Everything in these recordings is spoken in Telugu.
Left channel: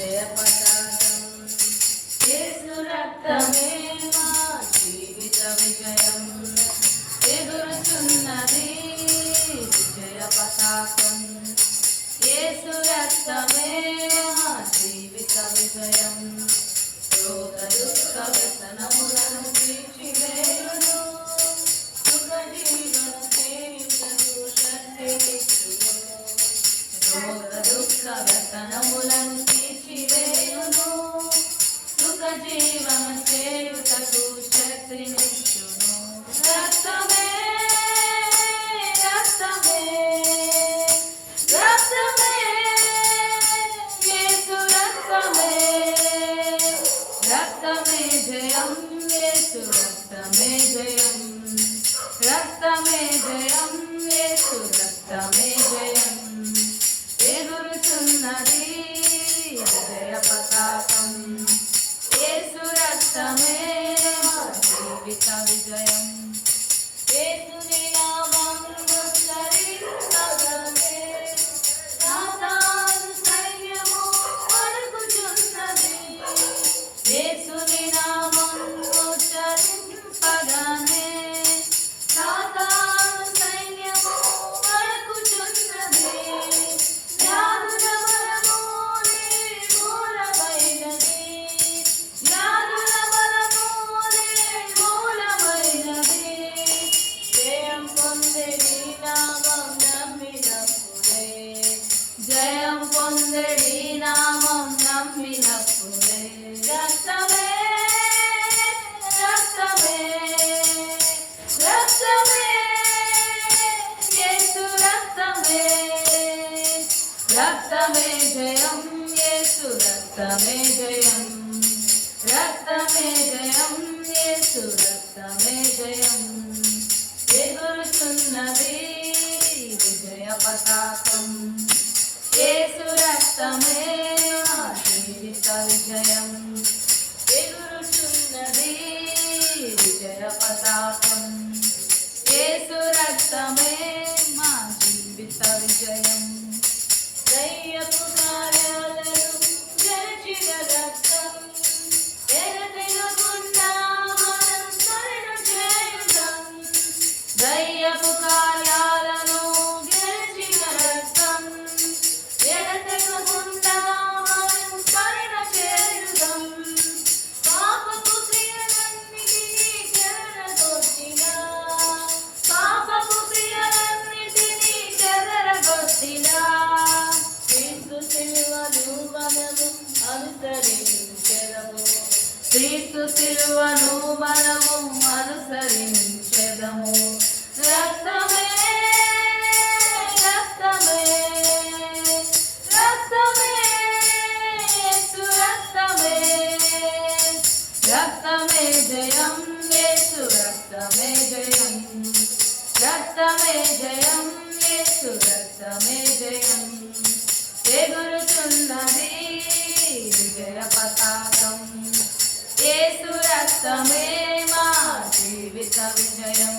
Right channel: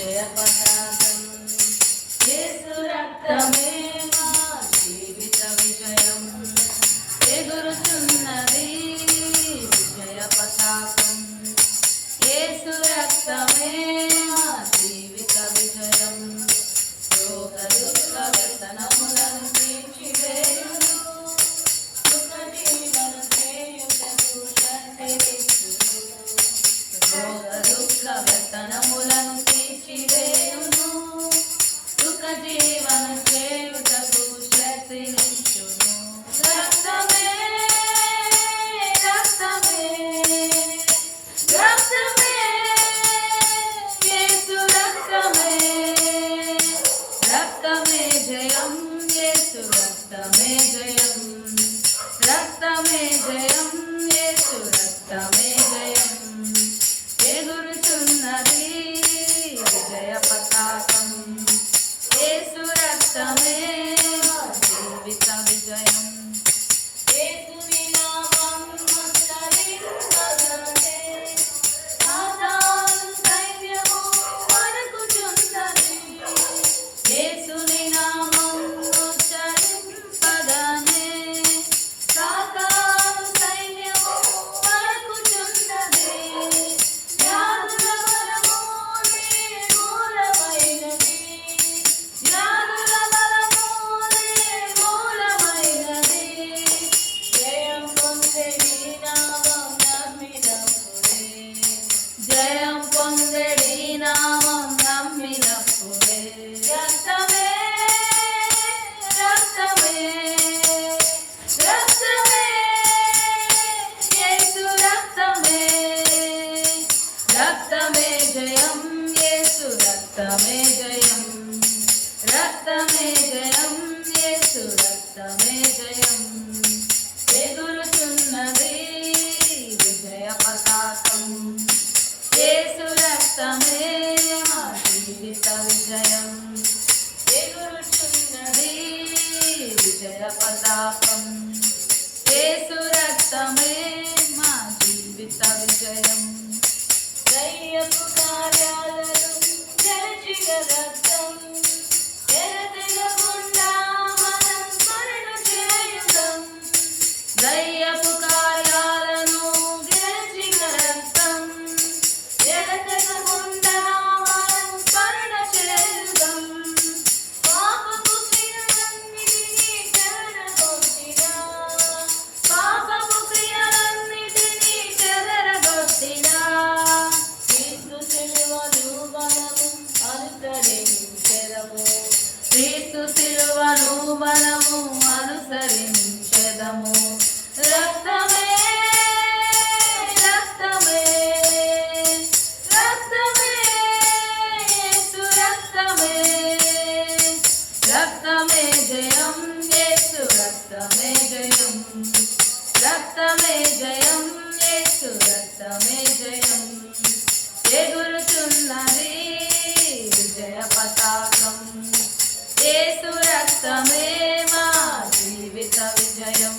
విజయ పతాకం యేసు రక్తమే మా జీవిత విజయం ఎగురుచున్నది విజయ పతాకం యేసు రక్తమే మా జీవిత విజయం రోగ దుఃఖ వ్యసనములను తీర్చివేయును సుఖ జీవన చేయుటకు శక్తినిచ్చును రోగ దుఃఖ వ్యసనములను తీర్చివేయును సుఖ జీవన చేయుటకు శక్తినిచ్చును రక్తమే రక్తమే రక్తమే యేసు రక్తమే రక్తమే జయం యేసు రక్తమే జయం రక్తమే జయం యేసు రక్తమే జయం ఎగురుచున్నది విజయ పతాకం యేసు రక్తమే మా జీవిత విజయం యేసుని నామం ఉచ్చరించగానే సాతాను సైన్యము వణుకుచున్నది యేసుని నామం ఉచ్చరింపగానే సాతాను సైన్యము వణుకుచున్నది వ్యాధుల బలము నిర్మూలమైనది వ్యాధుల బలము నిర్మూలమైనది జయం పొందెడి నామం నమ్మినప్పుడే జయం పొందెడి నామం నమ్మినప్పుడే రక్తమే రక్తమే రక్తమే యేసు రక్తమే రక్తమే జయం యేసు రక్తమే జయం రక్తమే జయం యేసు రక్తమే జయం ఎగురుచున్నది విజయ పతాకం యేసు రక్తమే మా జీవిత విజయం ఎగురుచున్నది విజయ పతాకం యేసు రక్తమే మా జీవిత విజయం దయ్యపు కార్యాలను గెలిచిన రక్తం ఎడతెగకుండా మనం స్మరణ చేయుదాం దయ్యపు కార్యాలను గెలిచిన రక్తం ఎడతెగకుండా మనం స్మరణ చేయుదాం పాపపు క్రియలన్నిటినీ చెదరగొట్టినా పాపపు క్రియలన్నిటినీ చెదరగొట్టినా క్రీస్తు సిలువను మనము అనుసరించెదము క్రీస్తు సిలువను మనము అనుసరించెదము రక్తమే రక్తమే రక్తమే యేసు రక్తమే రక్తమే జయం యేసు రక్తమే జయం రక్తమే జయం యేసు రక్తమే జయం ఎగురుచున్నది విజయ పతాకం యేసు రక్తమే మా జీవిత విజయం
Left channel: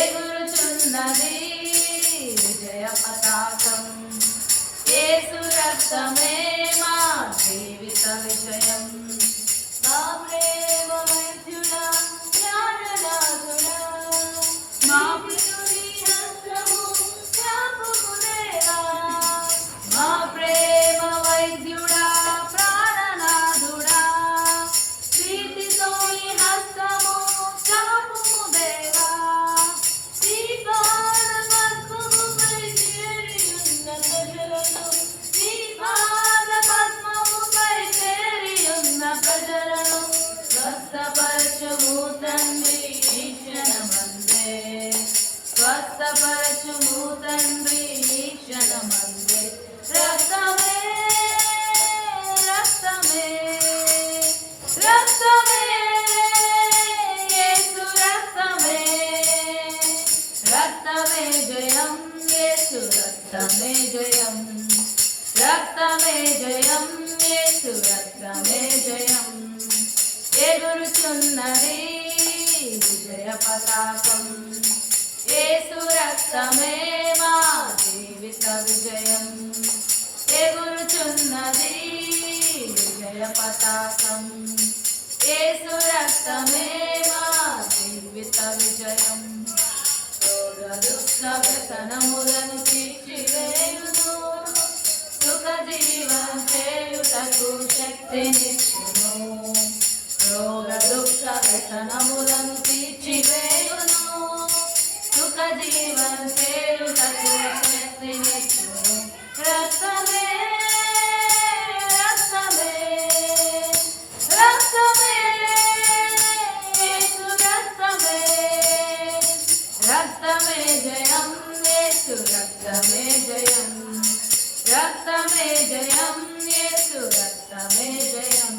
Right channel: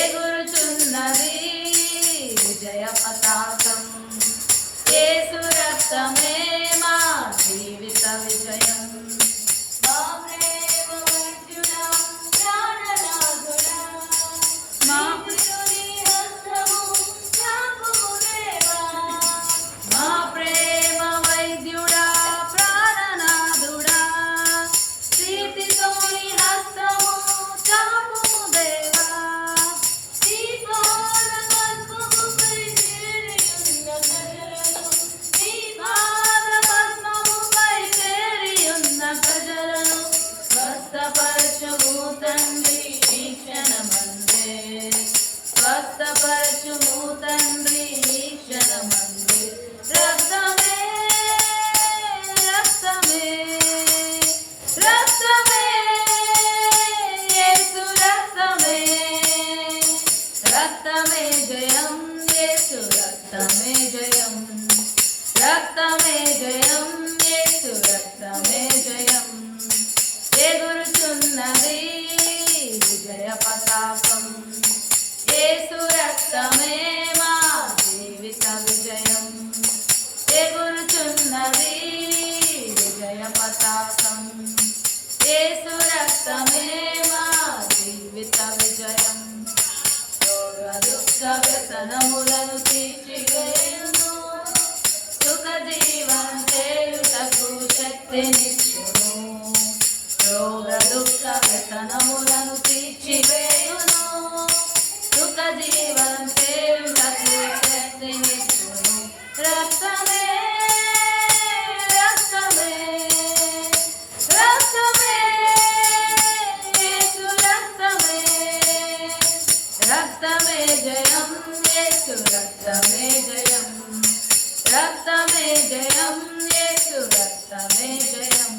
ఎగురుచున్నది విజయ పతాకం యేసు రక్తమే మా జీవిత విజయం మా ప్రేమ వైద్యుడా ప్రాణనాథుడా మా ప్రియుని హస్తము చాపుము దేవా మా ప్రేమ వైద్యుడా ప్రాణనాథుడా ప్రీతితోని హస్తము చాపుము దేవా నీ పాద పద్మముపై చేరియున్న ప్రజలను నీ పాద పద్మముపై చేరియున్న ప్రజలను స్వస్థపరచుము తండ్రి ఈ క్షణమందే స్వస్థపరచుము తండ్రి ఈ క్షణమందే రక్తమే రక్తమే రక్తమే యేసు రక్తమే రక్తమే జయం యేసు రక్తమే జయం రక్తమే జయం యేసు రక్తమే జయం ఎగురుచున్నది విజయ పతాకం యేసు రక్తమే మా జీవిత విజయం ఎగురుచున్నది పతాకం యేసు రక్తమే మా జీవిత విజయం రోగ దుఃఖ వ్యసనములను తీర్చివేయును సుఖ జీవనం చేయుటకు శక్తినిచ్చును రోగ దుఃఖ వ్యసనములను తీర్చివేయును సుఖ జీవనం చేయుటకు శక్తినిచ్చును రక్తమే రక్తమే రక్తమే యేసు రక్తమే రక్తమే జయం యేసు రక్తమే జయం రక్తమే జయం యేసు రక్తమే జయం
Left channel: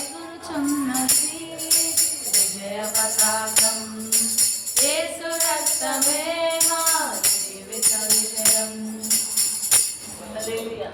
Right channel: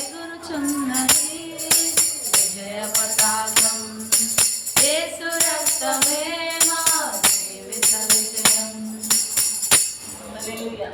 ఎగురుచున్నది విజయ పతాకం యేసు రక్తమే మా జీవిత విజయం హల్లెలూయా.